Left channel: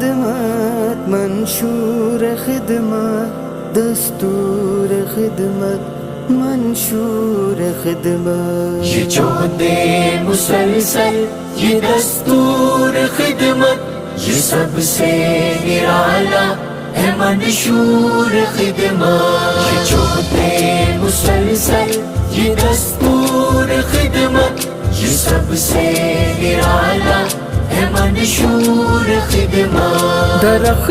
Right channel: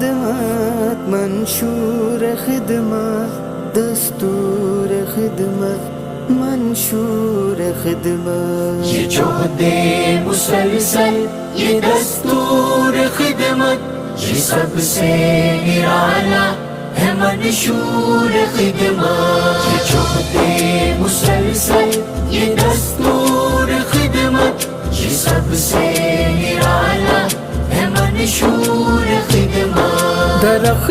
खिदमत मंशूर खिदमत दस्तूर खिदमत मंशूर खिदमत। ये जो दे मुसलसल ये दस्तूर खिदमत, ये सबसे निराला है मंशूर खिदमत। ये जो दे मुसलसल ये दस्तूर खिदमत, ये सबसे निराला है मंशूर खिदमत। दरख्त